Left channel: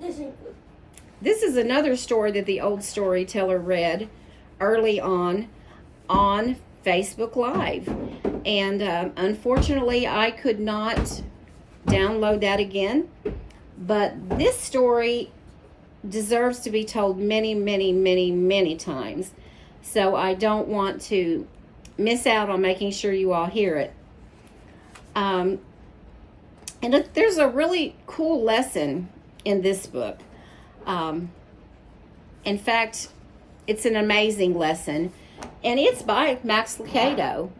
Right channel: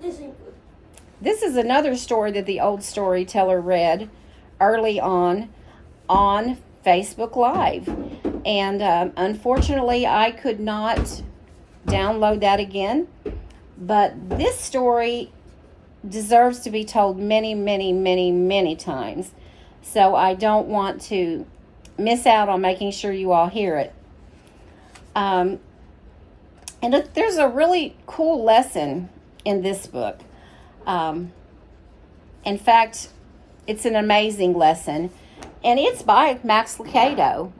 This is another story that the old storyteller read early on Facebook Live. And unfortunately, I could not download that again. But this story deserves to be told many, many, many, many times. So I don't want to miss out on making sure you all hear it. And there's a really cool lesson in this book. In fact, it's an amazing lesson. And it's by Max Lucado.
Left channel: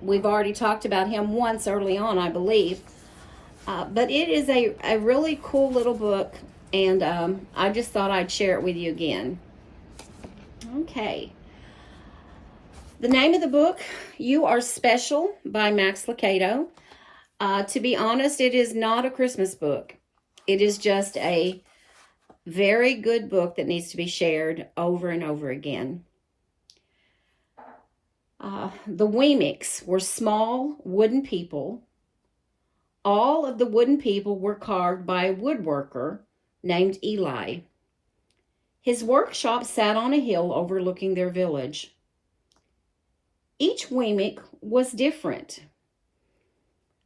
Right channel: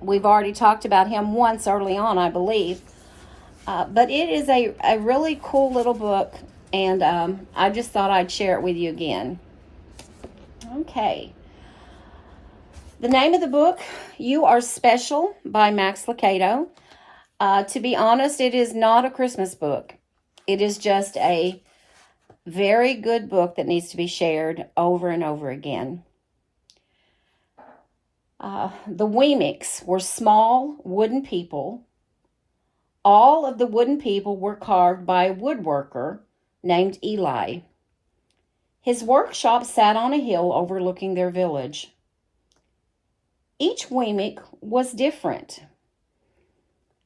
We've already talked about him once early on, I believe. But it is a really cool little book. And I just thought I'd share it with you again. Okay. The name of the book, You Are Special by Max Lucado. To be honest, it is not a Christmas book. It is just a very good book that needs to be shared over and over again. The Weemics were small wooden people. All of the wooden people were carved by a woodworker named Eli. His workshop sat on a hill overlooking their village. Each Weemic was different.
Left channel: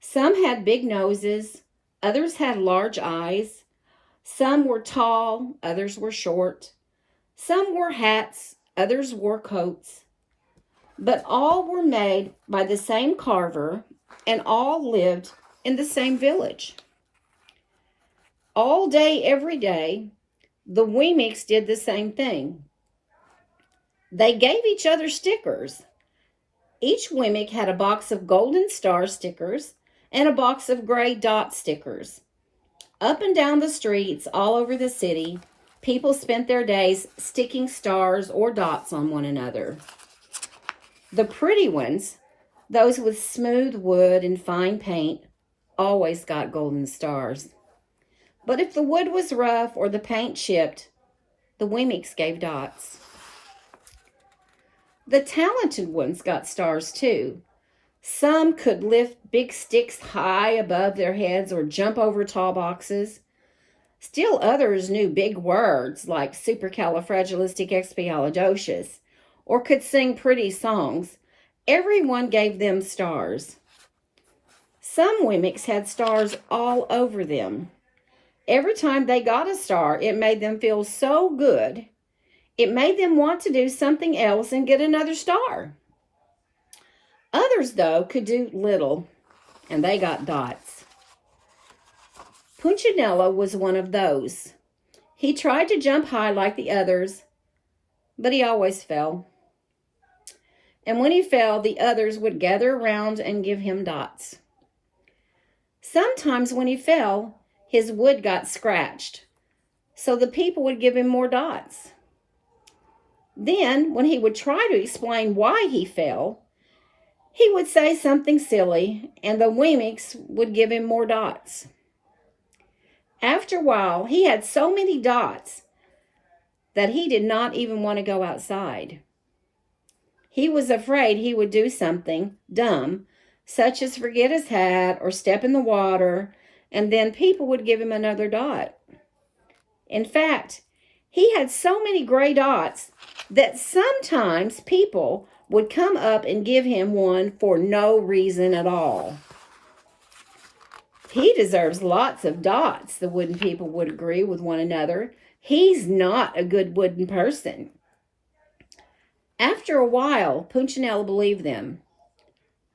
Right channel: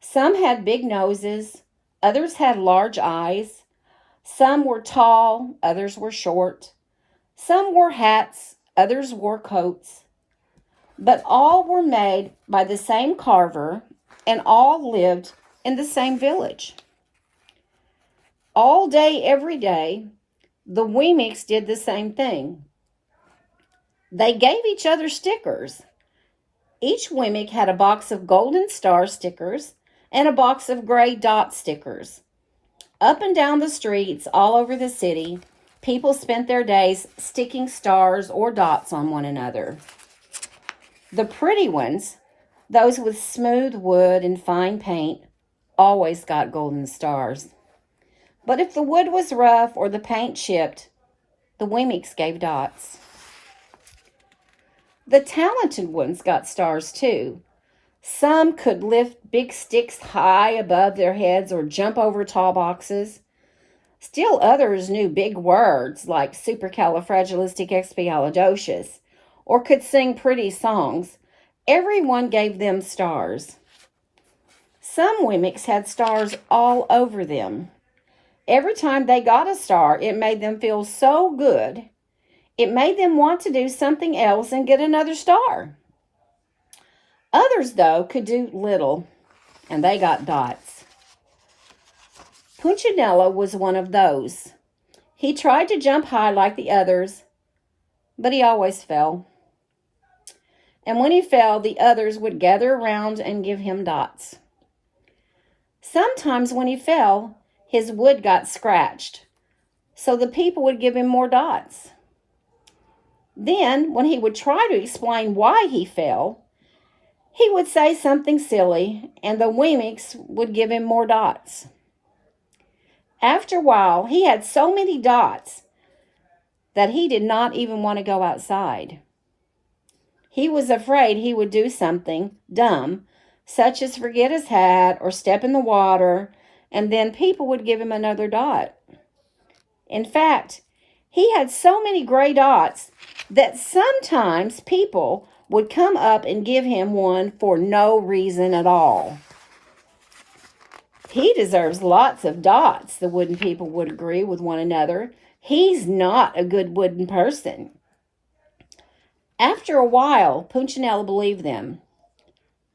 Some had big noses, others had large eyes. Some were tall, others were short. Some wore hats, others wore coats. But all were made by the same carver, and all lived in the same village. All day, every day, the Weemics did the same thing. They gave each other stickers. Each Weemic had a box of golden star stickers and a box of gray dot stickers. Up and down the streets, all over the city, people spent their days sticking stars or dots on one another. The pretty ones, those with smooth wood and fine paint, always got golden stars. But if the wood was rough or the paint chipped, the Weemics gave dots. The talented ones got stars too. Some could lift big sticks high above their heads or jump over tall boxes. Still others knew big words like supercalifragilisticexpialidocious or could sing pretty songs. Everyone gave them stars. Some Weemics had stars all over them. Every time they got a star, it made them feel so good. It made them want to do something else and get another star. Others, though, could do little, and they got dots. Punchinello was one of those. He tried to jump high like the others, but he always fell. And when he fell, the others would gather around and give him dots. Sometimes when he fell, his wood got scratched, so the people would give him more dots. Then, when he would try to explain why he fell, he would say something silly, and the Weemics would give him more dots. After a while, he had so many dots that he did not even want to go outside. He was afraid he would do something dumb, such as forget his hat or step in the water, and then people would give him another dot. In fact, he had so many gray dots that sometimes people would come up and give him one for no reason at all. He deserves lots of dots, the wooden people would agree with one another. He's not a good wooden person. After a while, Punchinello believed them.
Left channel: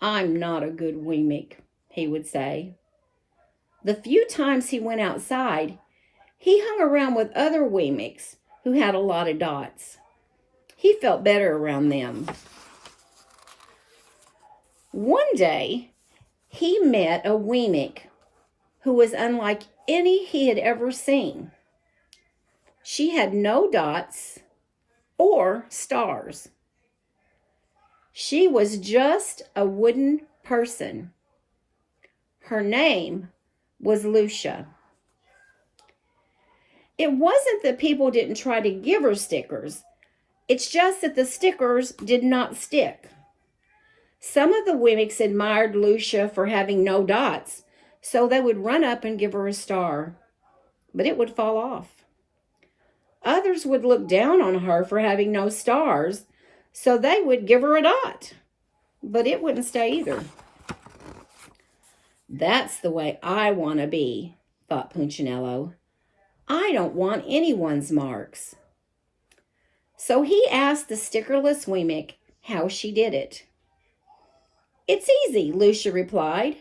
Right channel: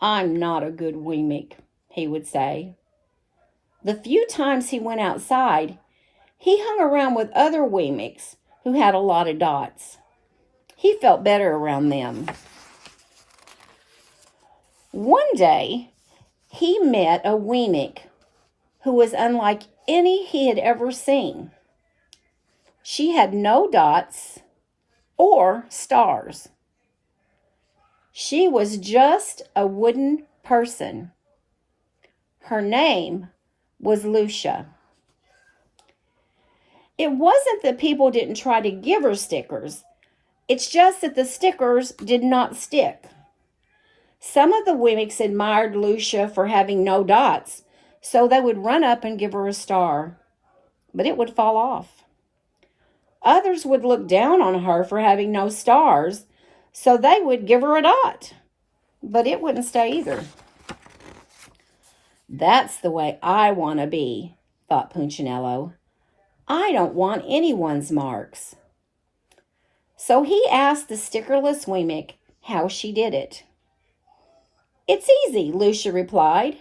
I'm not a good Weemic, he would say. The few times he went outside, he hung around with other Weemics who had a lot of dots. He felt better around them. One day, he met a Weemic who was unlike any he had ever seen. She had no dots or stars. She was just a wooden person. Her name was Lucia. It wasn't that people didn't try to give her stickers. It's just that the stickers did not stick. Some of the Weemics admired Lucia for having no dots, so they would run up and give her a star. but it would fall off. Others would look down on her for having no stars, so they would give her a dot, but it wouldn't stay either. That's the way I want to be, thought Punchinello. I don't want anyone's marks. So he asked the stickerless Wemmick how she did it. It's easy, Lucia replied.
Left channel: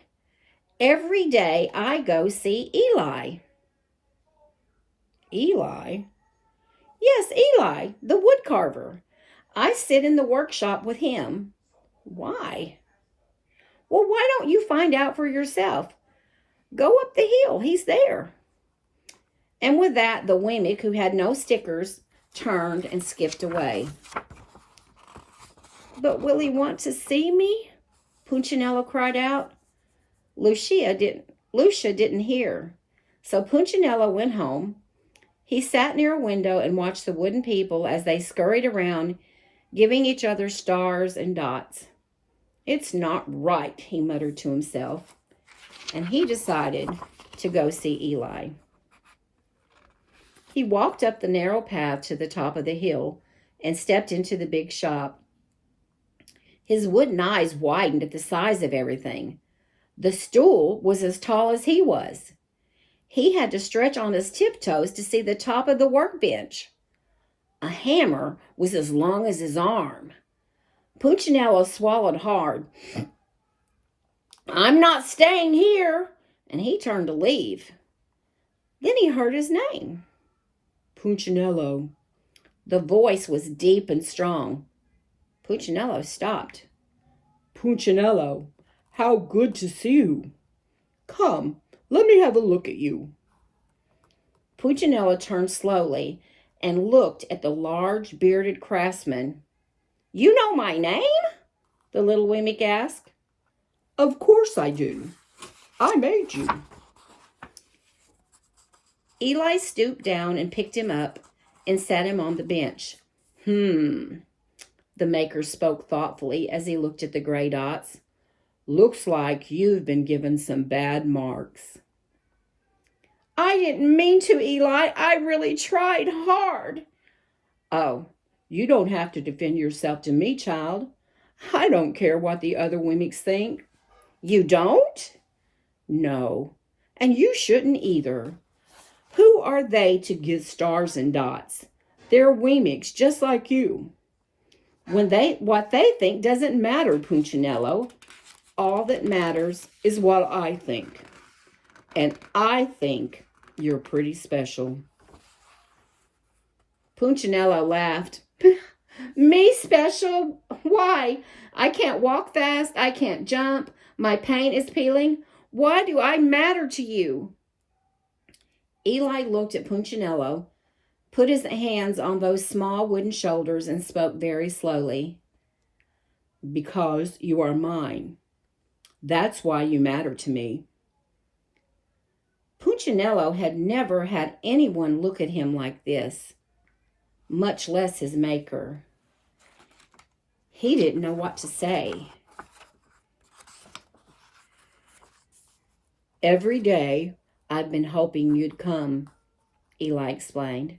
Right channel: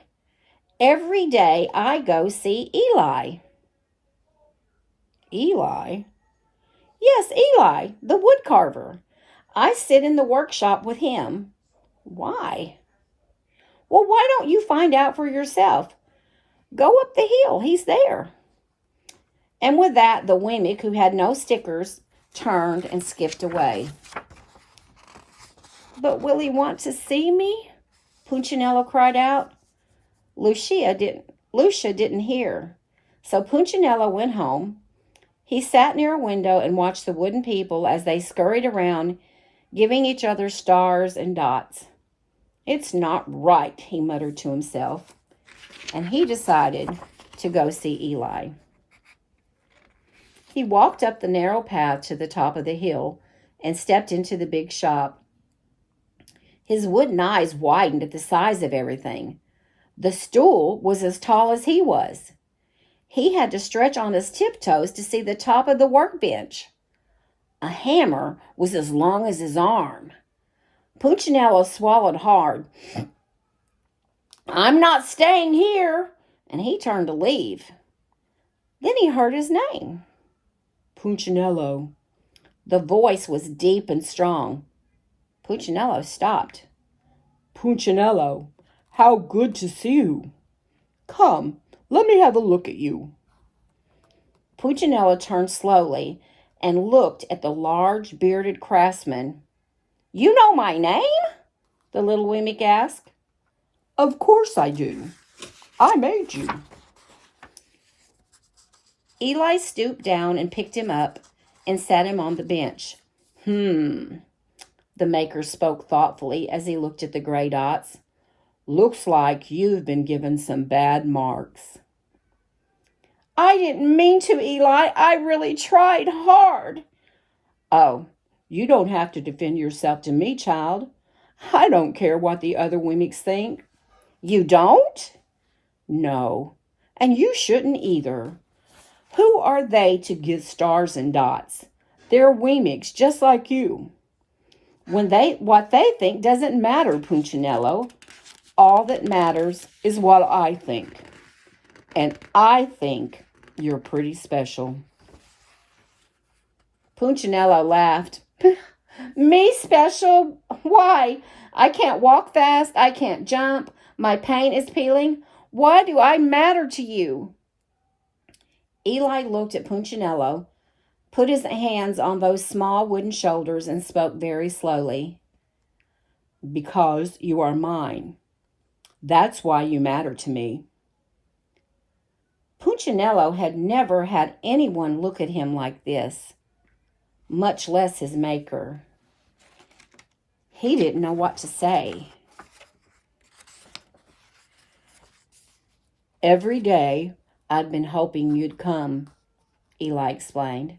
Every day I go see Eli. Eli? Yes, Eli, the wood carver. I sit in the workshop with him. Why? Well, why don't you find out for yourself? Go up the hill, he's there. And with that, the Wemmick, who had no stickers, turned and skipped away. But will he want to see me? Punchinello cried out. Lucia didn't hear. So Punchinello went home. He sat near a window and watched the wooden people as they scurried around, giving each other stars and dots. It's not right, he muttered to himself, and he decided to go see Eli. He walked up the narrow path to the top of the hill and stepped into the big shop. His wooden eyes widened at the size of everything. The stool was as tall as he was. He had to stretch on his tiptoes to see the top of the workbench. A hammer was as long as his arm. Punchinello swallowed hard. I'm not staying here, and he turned to leave. Then he heard his name. Punchinello. The voice was deep and strong. Punchinello stopped. Punchinello, how good to see you. Come, let me have a look at you. Punchinello turned slowly and looked at the large bearded craftsman. You know my name? The little Wemmick asked. Of course I do. I made you. Eli stooped down and picked him up and sat him on the bench. The maker spoke thoughtfully as he looked at the gray dots. Looks like you've been given some bad marks. I didn't mean to, Eli. I really tried hard. Oh, you don't have to defend yourself to me, child. I don't care what the other Wemmicks think. You don't? No, and you shouldn't either. Who are they to give stars and dots? They're Wemmicks just like you. What they think doesn't matter, Punchinello. All that matters is what I think. And I think you're pretty special. Punchinello laughed. Me special? Why? I can't walk fast. I can't jump. My paint is peeling. Why do I matter to you? Eli looked at Punchinello, put his hands on those small wooden shoulders, and spoke very slowly. Because you are mine. That's why you matter to me. Punchinello had never had anyone look at him like this, much less his maker. He didn't know what to say. Every day I'd been hoping you'd come, Eli explained.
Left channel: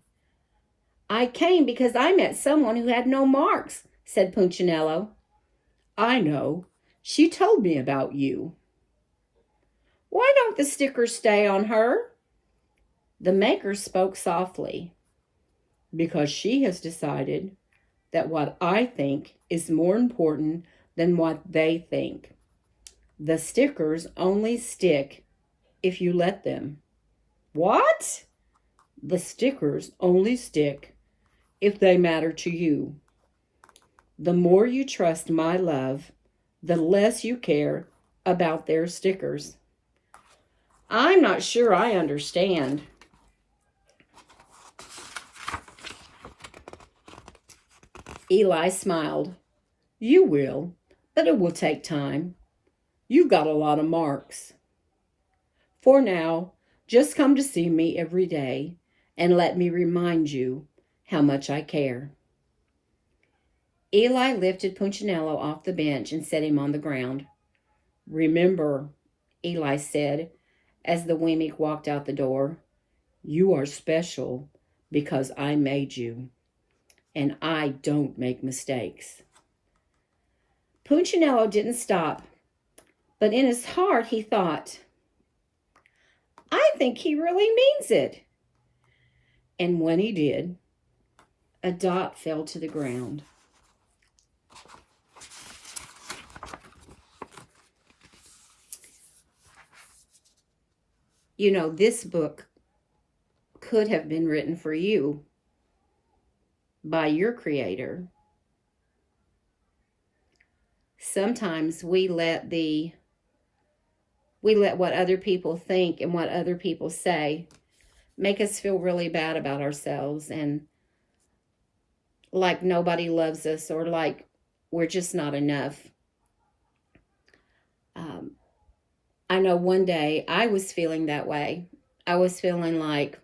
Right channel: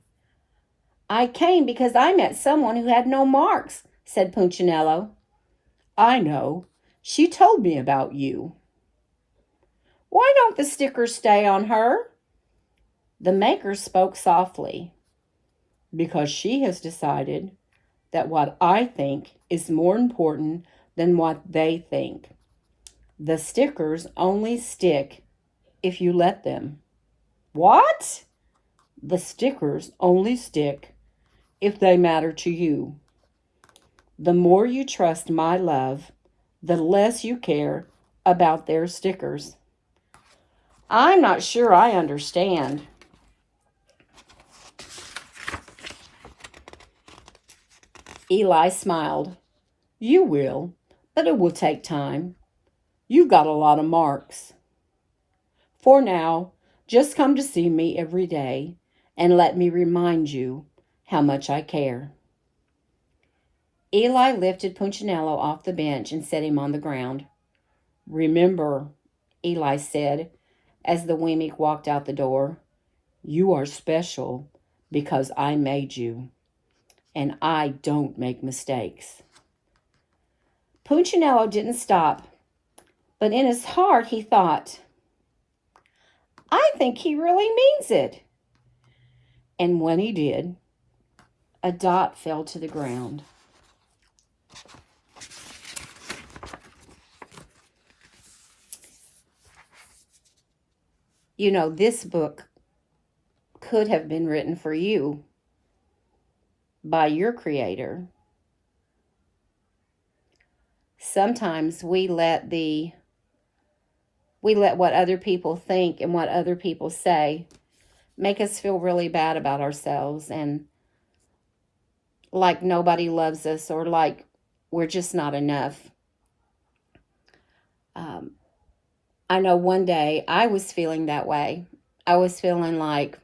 I came because I met someone who had no marks, said Punchinello. I know. She told me about you. Why don't the stickers stay on her? The maker spoke softly. Because she has decided that what I think is more important than what they think. The stickers only stick if you let them. What? The stickers only stick if they matter to you. The more you trust my love, the less you care about their stickers. I'm not sure I understand. Eli smiled. You will, but it will take time. You've got a lot of marks. For now, just come to see me every day and let me remind you how much I care. Eli lifted Punchinello off the bench and set him on the ground. Remember, Eli said, as the Wemmick walked out the door, You are special because I made you, and I don't make mistakes. Punchinello didn't stop, but in his heart he thought, I think he really means it. And when he did, a dot fell to the ground. You know, this book could have been written for you by your creator. Sometimes we let what other people think and what other people say make us feel really bad about ourselves, and like nobody loves us, or like we're just not enough. I know one day I was feeling that way. I was feeling like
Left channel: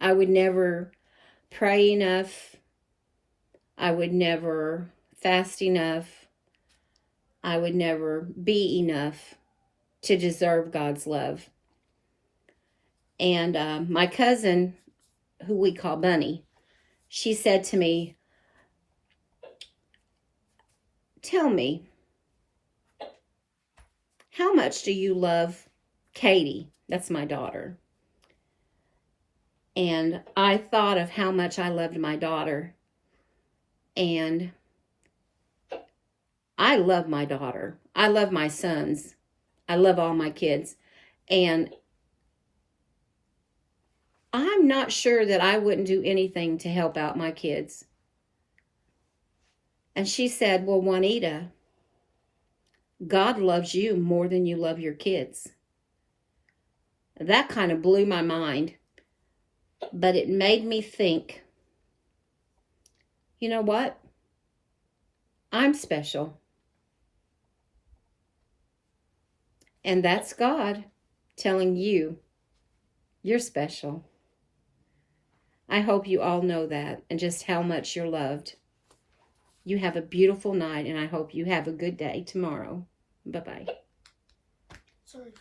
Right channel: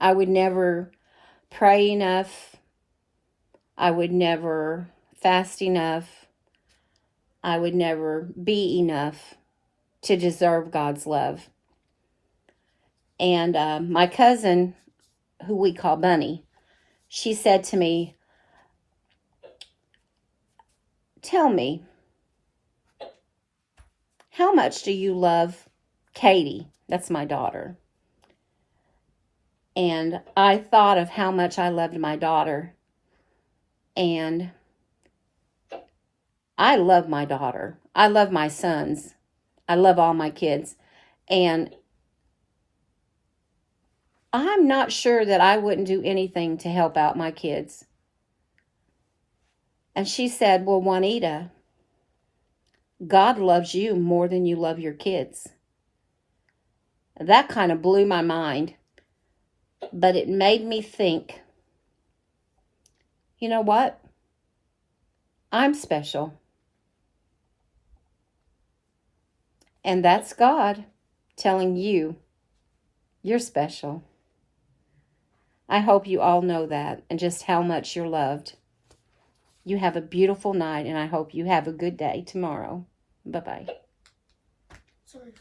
I would never pray enough. I would never fast enough. I would never be enough to deserve God's love. And my cousin, who we call Bunny, she said to me, tell me, how much do you love Katie? That's my daughter. And I thought of how much I loved my daughter. And I love my daughter. I love my sons. I love all my kids. And I'm not sure that I wouldn't do anything to help out my kids. And she said, well, Juanita, God loves you more than you love your kids. That kind of blew my mind, but it made me think, you know what? I'm special. And that's God telling you you're special. I hope you all know that and just how much you're loved. You have a beautiful night, and I hope you have a good day tomorrow. Bye-bye. Sorry.